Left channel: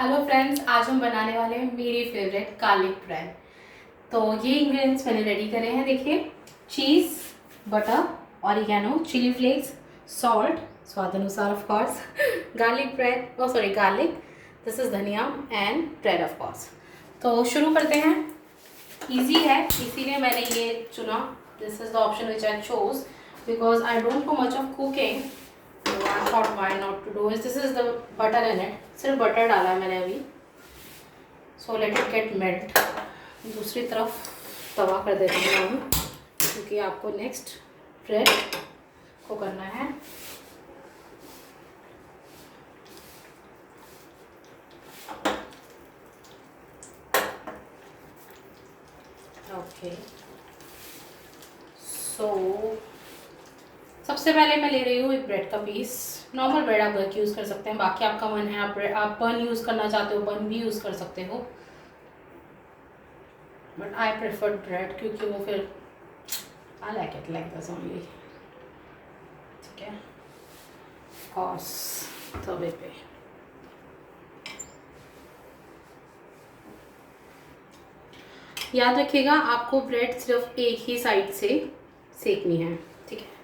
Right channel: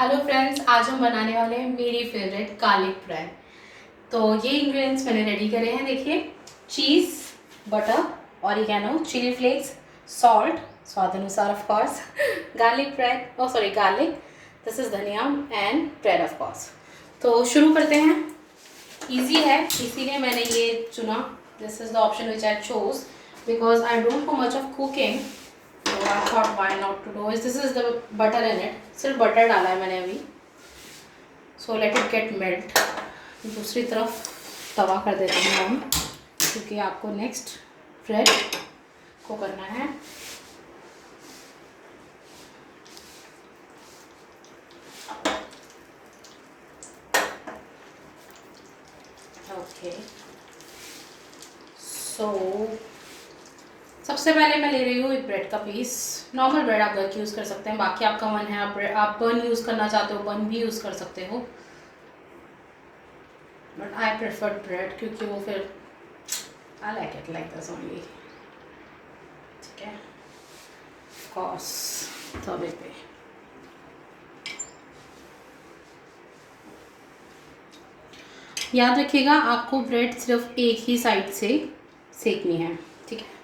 Hello friends, आज हम बनाने वाले हैं मेरी फेवरेट गार्लिक ब्रेड। तो ये इंग्रेडिएंट्स मैंने रेडी करे हैं। देखिए, cheese, butter, oregano, chilli flakes, salt स्वाद अनुसार of course, garlic bread, oh sorry garlic, this is dhania and bread of course. तो शुरू करते हैं। इजी है, इसीलिए मैंने ये चुना। This is the option which I chose because I don't know much of cooking. So I thought why not to do is this is the butter in it. सिर्फ बटर डाला है मैंने अभी। So let it get melt. दूसरी तरफ तवा कर देते हैं हम, क्योंकि आपको नेक्स्ट ब्रेड को करना है। ओके, सो सबसे पहले मैं ले रही हूँ एक ब्रेड का पीस। नॉर्मल ब्रेड आप घर की यूज़ कर सकते हैं, बाकी आपका मन है आप बन यूज़ करना चाहते हो बन भी यूज़ कर सकते हो, बट आई प्रेफर ब्रेड क्योंकि वो फिर I like it like this only. ठीक है, कॉस तवे पे याद रखिएगा आपको ब्रेड सिर्फ एक ही साइड से सेकनी है। ठीक है,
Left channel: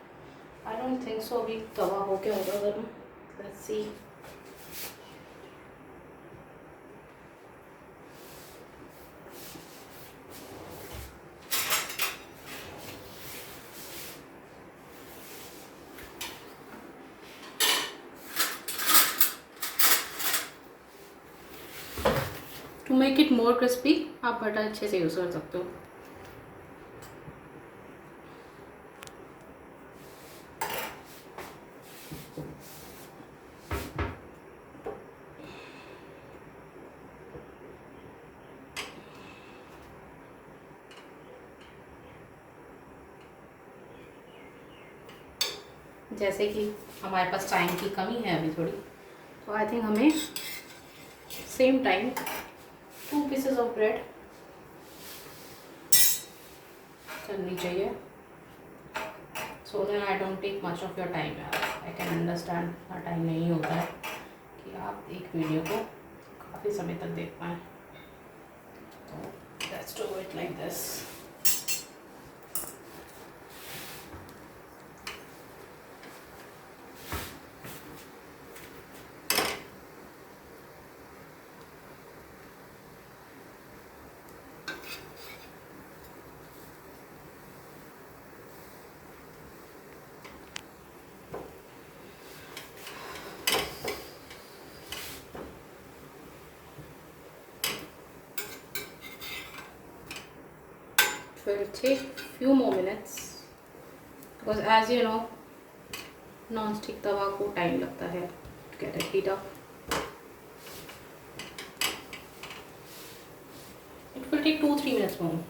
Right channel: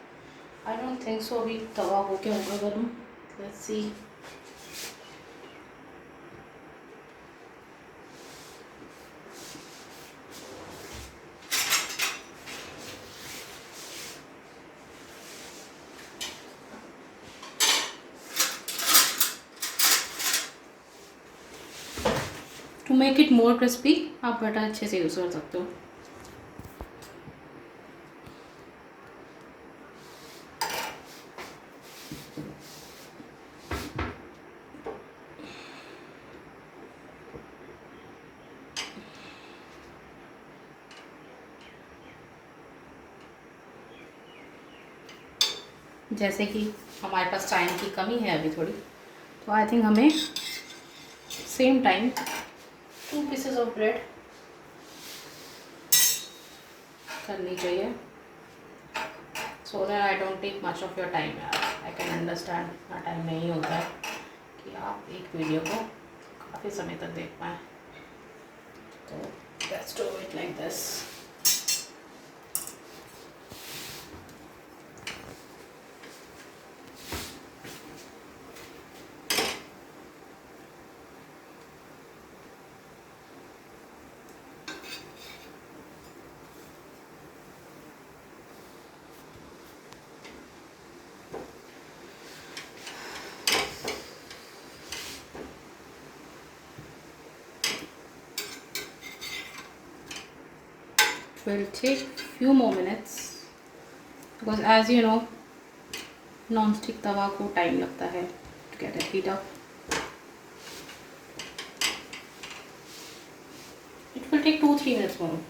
आई डोंट थिंक सो अभी तवा हो गया होगा गर्म। Let's see. To make it more crispy आप बटर अच्छे से यूज़ कर सकते हो। जैसे कि हमारे पास टाइम की कमी है अभी थोड़ी, तो आई थिंक हमें same time 2 pieces of bread करनी चाहिए, so that I don't take much of your time. I can understand इतना टाइम नहीं होता है कि आप एक वीडियो को काफ़ी समय तक देख पाएँ। तो let's do it like this. Will take few more minutes because as you know non-stick तवा को टाइम लगता है to get it heat up. It will take 2-3 minutes more.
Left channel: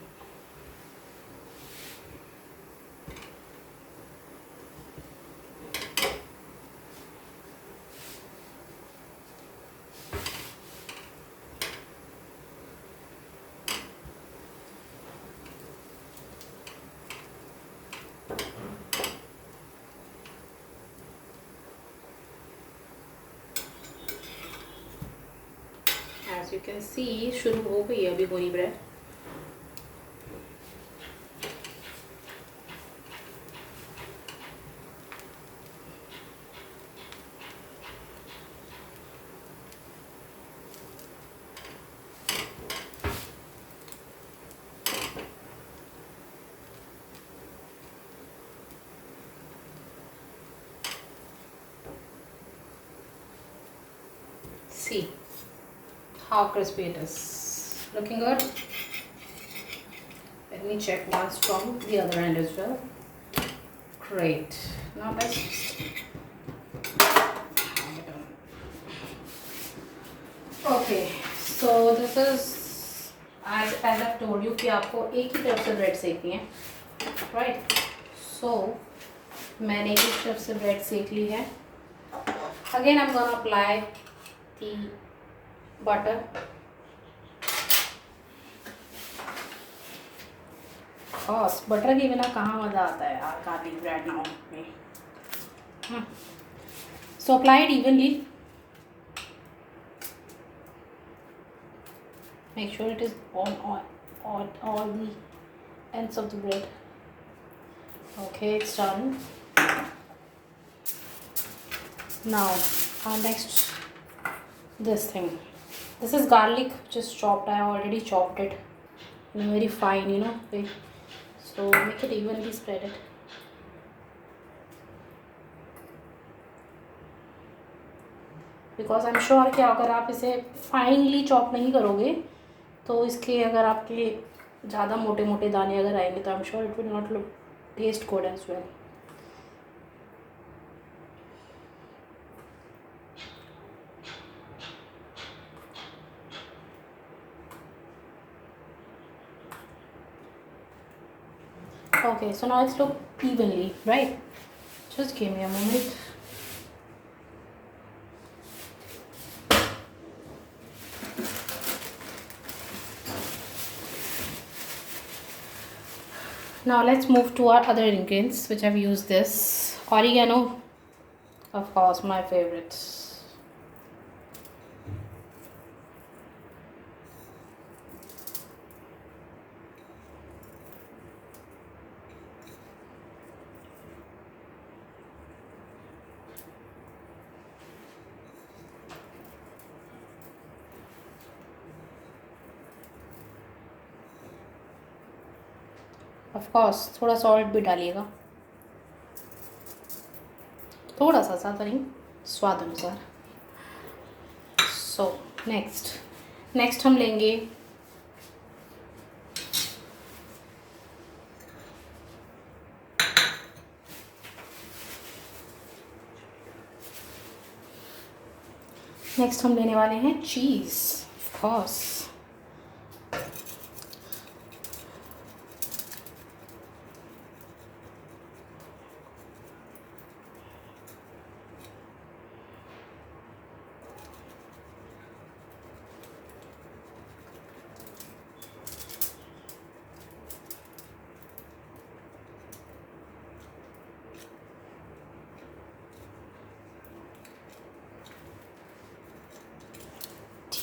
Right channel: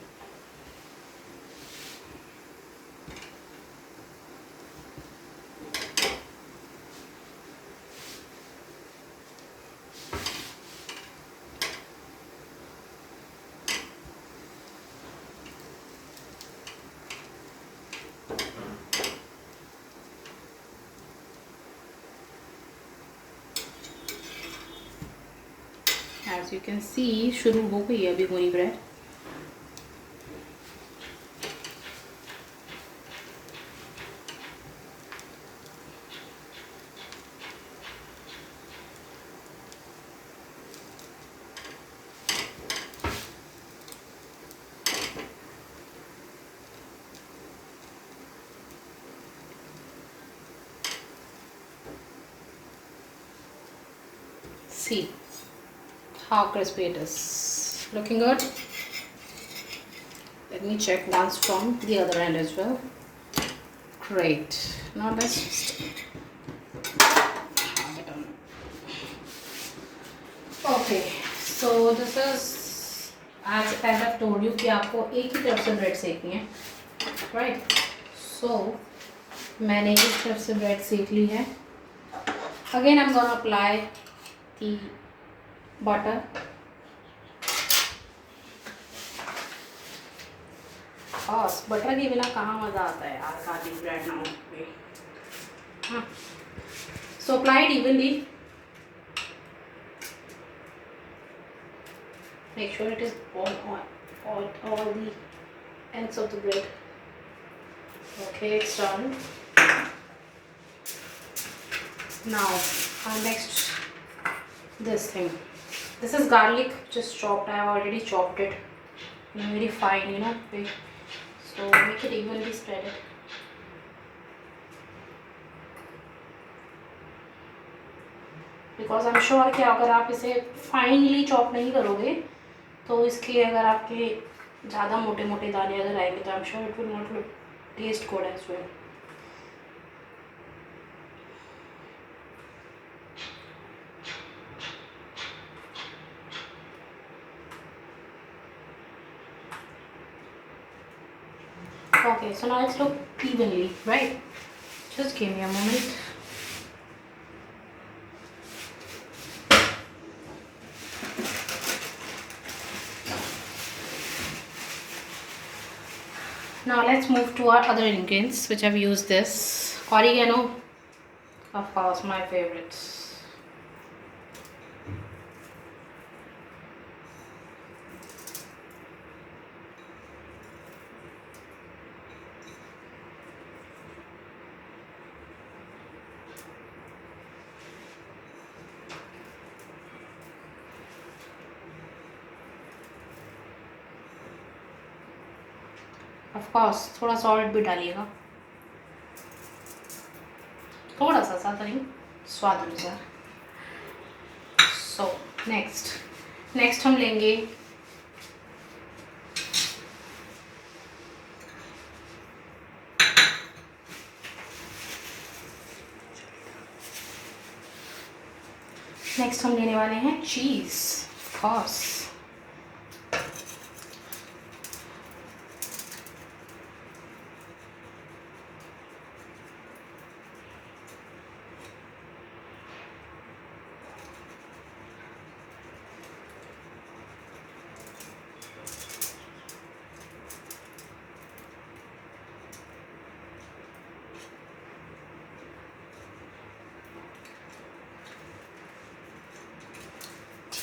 As you can see शुरू हो गई है अभी वही bread. See how crispy it is. Looking good. Let me check once from the other end as well. Great. Now let's just okay. So this is as I've told you कि आपको एक ही तरफ से ब्रेड सेकनी है, right? So मैंने एक तरफ से ब्रेड सेक ली है। Again I'm gonna apply the butter. बस बटर के बिना कहाँ मज़ा आता है यार गार्लिक ब्रेड नाउ पे। हाँ, so apply it evenly. Make sure it is on all the ends of the bread. Okay, it's done. Now next this thing. This is garlic just chopped. I have already chopped it in a very fine, way. So make it evenly spread it. Because I am sure कि अगर आप इसे finally chop नहीं करोगे तो इसके अगर आपके ज़्यादा मोटे मोटे दाने अगर आएंगे तो I am sure it will not look taste good as well. Okay, so now it's look evenly, right? Just give me a moment. Now let's move to our other ingredients which I've used this. Oregano, of course, my favorite. Of course थोड़ा salt भी डालिएगा, थोड़ा सा, ज़्यादा नहीं, स्वाद अनुसार. So next हम लेंगे नेक्स्ट हम लेने वाले हैं चीज़. ऑफ कोर्स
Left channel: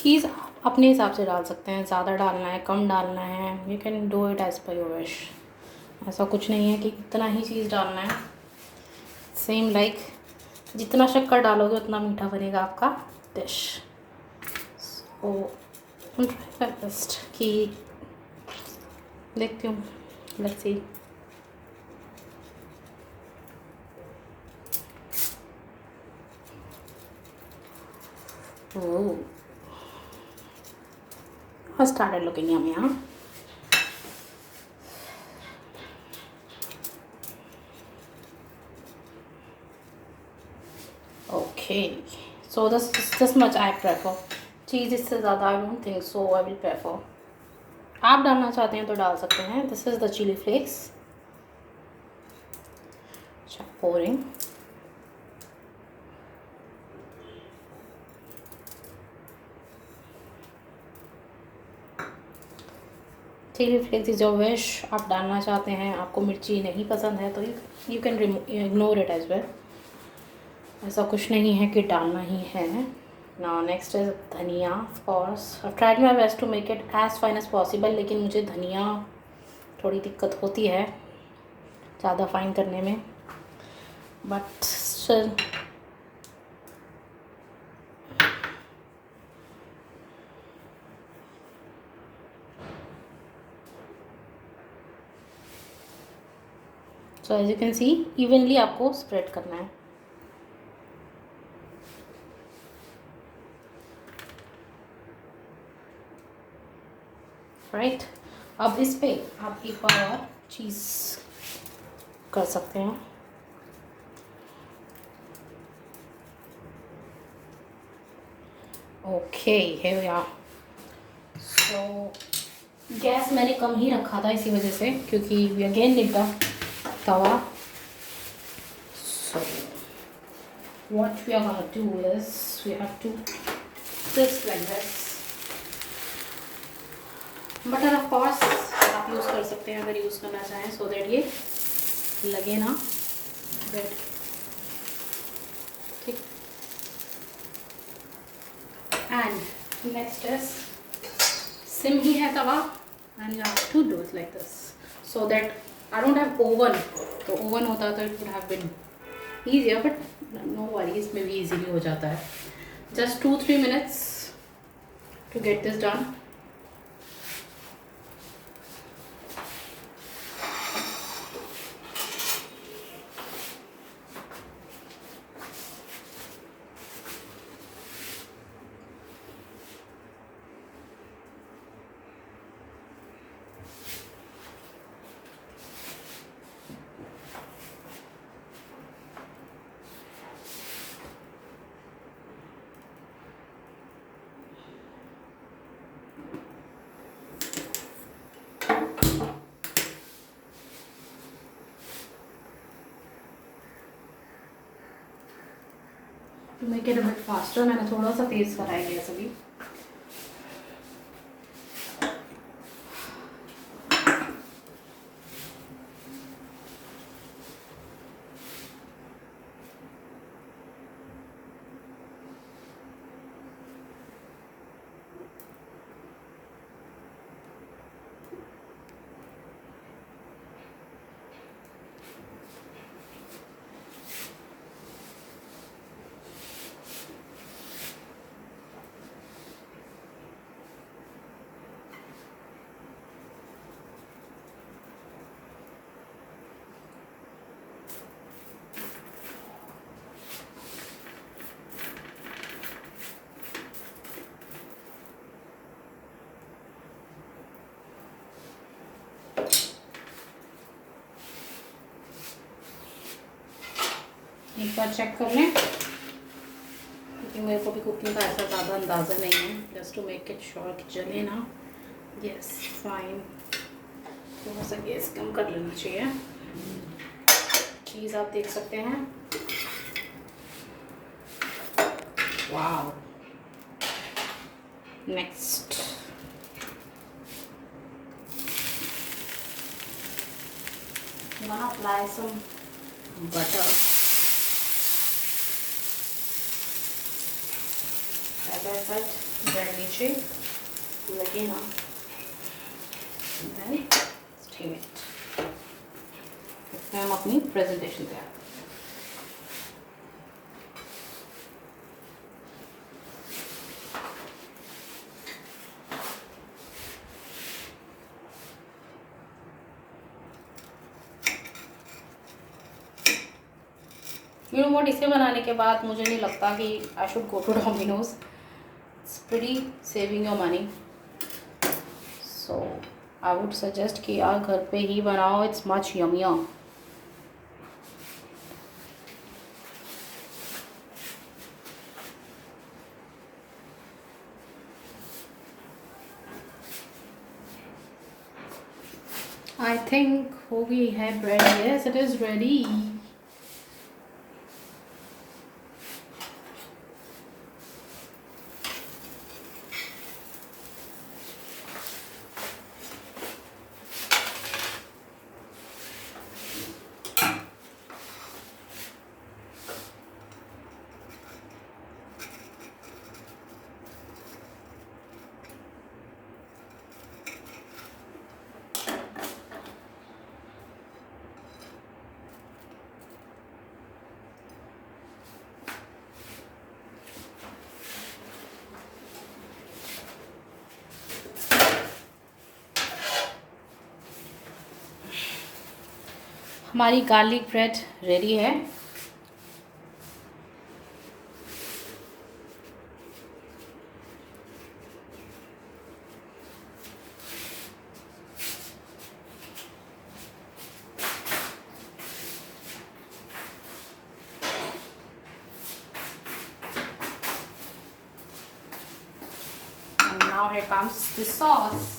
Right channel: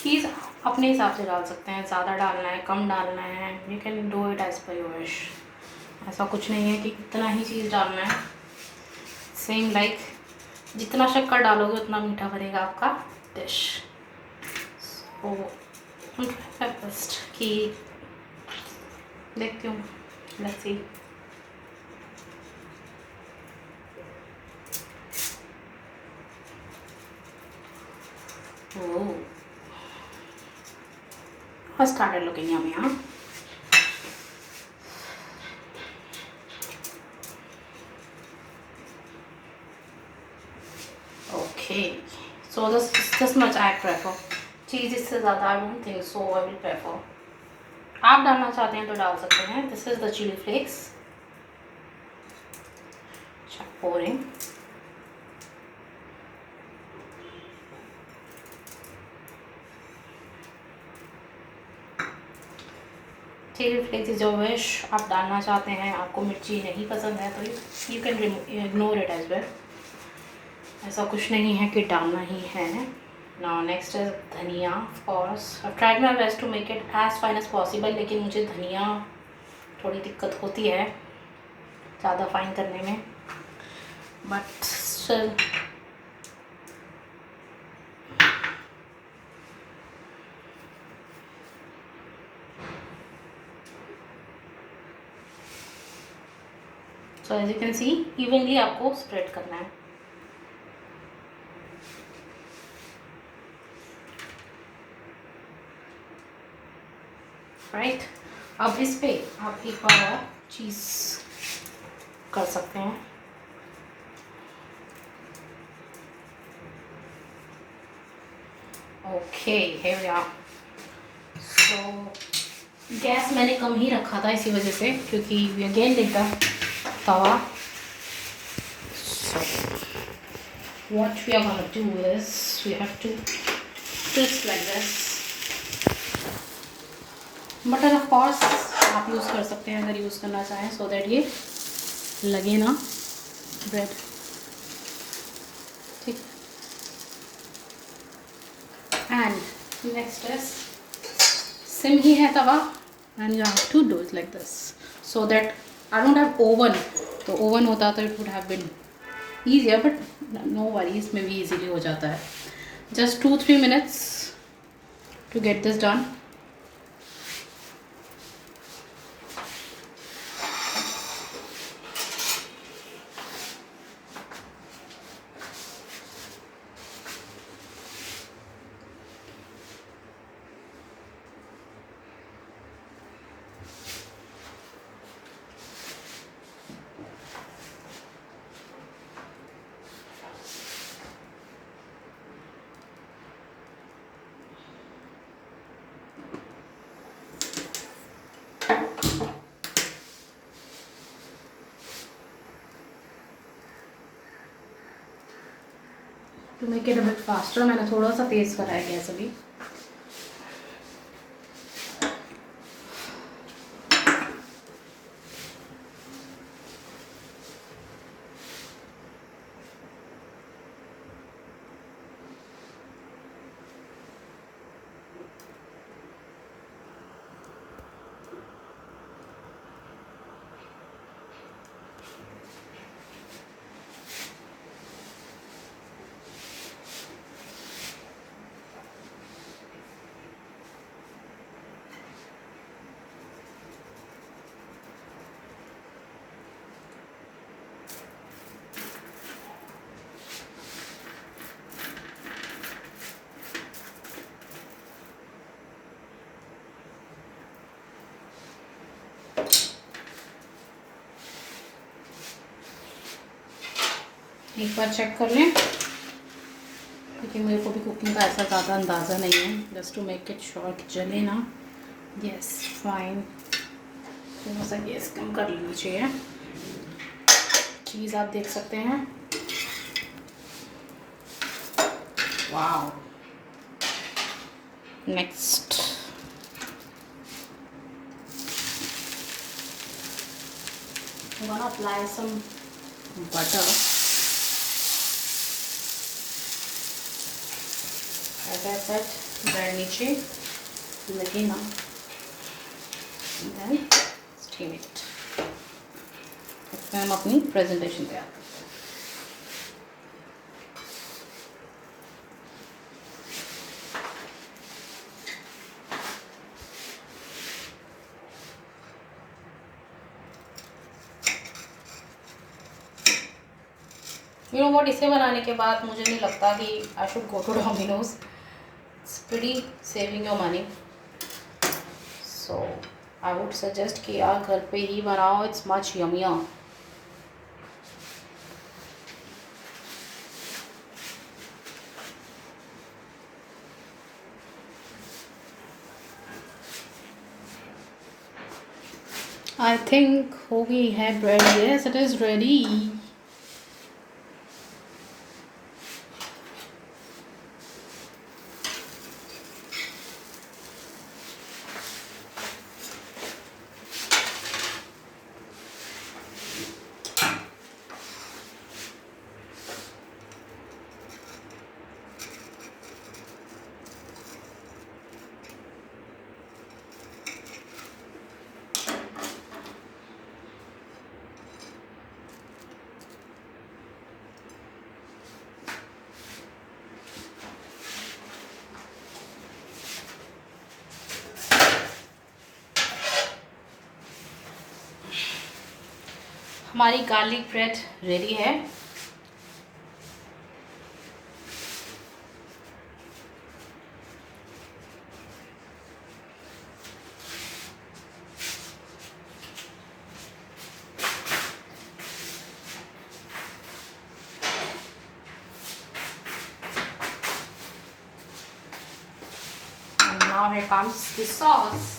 चीज़ अपने हिसाब से डाल सकते हैं, ज़्यादा डालना है, कम डालना है, you can do it as per your wish. ऐसा कुछ नहीं है कि इतना ही चीज़ डालना है. सेम लाइक जितना शक्कर डालोगे उतना मीठा बनेगा आपका डिश. सो बेस्ट कि देखती हूँ, let's see. Oh, started looking yummy, huh? Okay, so this much I prefer. चीज़ इससे ज़्यादा I don't think so I will prefer. आप डालना चाहते हैं तो डाल सकते हैं. This is the chili flakes. Pouring. Chili flakes is your wish. आप डालना चाहते हैं, आपको मिर्ची नहीं पसंद है तो you can ignore it as well. ऐसा कुछ नहीं है कि डालना ही है. Now next is dhaniya. Of course I tried my best to make it as fine as possible, लेकिन मुझे धनिया थोड़ी दिक्कत होती है ज़्यादा फाइन करने में, but still so as you can see evenly आपको स्प्रेड करना है. राइट, अब इस पे आप एक बार चीज़ कर सकते हैं. Okay, here we are. So gas मैंने कम ही रखा था इसी वजह से, क्योंकि we again leave the tawa. So what we are going to do is we have to twist like this. Butter of course आप यूज़ कर सकते हैं अगर यूज़ करना चाहें, सो दैट ये लगे ना ब्रेड. ठीक. एंड नेक्स्ट इज सिम ही है तवा, and you have to do it like this so that I don't have oven. तो ओवन होता तो it would have been easier, but no worry, इसमें भी ईजीली हो जाता है. Just 2-3 minutes to get this done. To make it a bit faster, मैंने थोड़ा सा तेज़ करा है गैस अभी. एक बार चेक कर लें, क्योंकि मेरे को भी कुकिंग का ऐसा ज़्यादा अंदाज़ा नहीं है. Just to make it sure कि जले ना. Yes, fine. थोड़ा सा गैस कम कर लेना चाहिए. चीज़ आप देख सकते हैं. Wow. Next I'm gonna apply some butter. As I said, bread नीचे लगे ना, then steam it. इसमें हम अपनी प्रेजेंटेशन पे आते हैं. यू नो व्हाट, इसे बनाने के बाद मुझे नहीं लगता कि I should go to Domino's. It's pretty saving your money. So I would suggest कि यार घर पे ही बनाओ. It's much yummier. I think हो गई है bread. Yes, it is ready. हमारी गार्लिक ब्रेड रेडी है. And now here comes the sauce.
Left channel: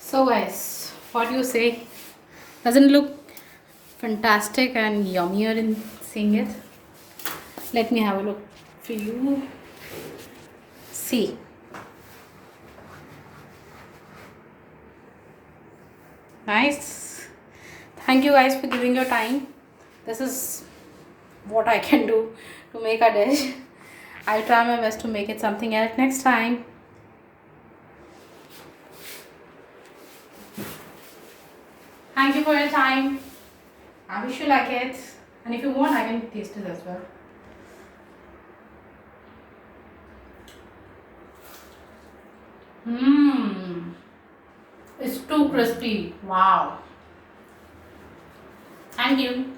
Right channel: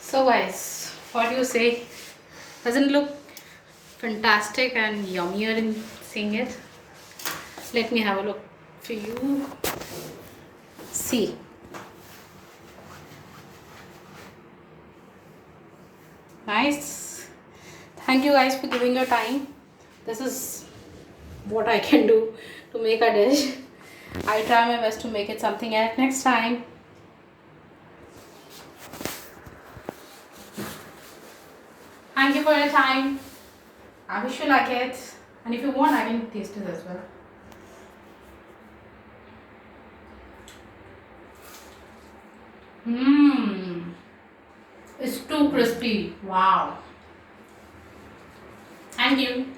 So guys, what do you say? Doesn't it look fantastic and yummier in seeing it? Let me have a look for you. See, Nice. Thank you guys for giving your time. This is what I can do to make a dish. I'll try my best to make it something else next time. Thank you for your time. I wish you like it. And if you want, I can taste it as well. Mmm. It's too crispy. Wow. Thank you.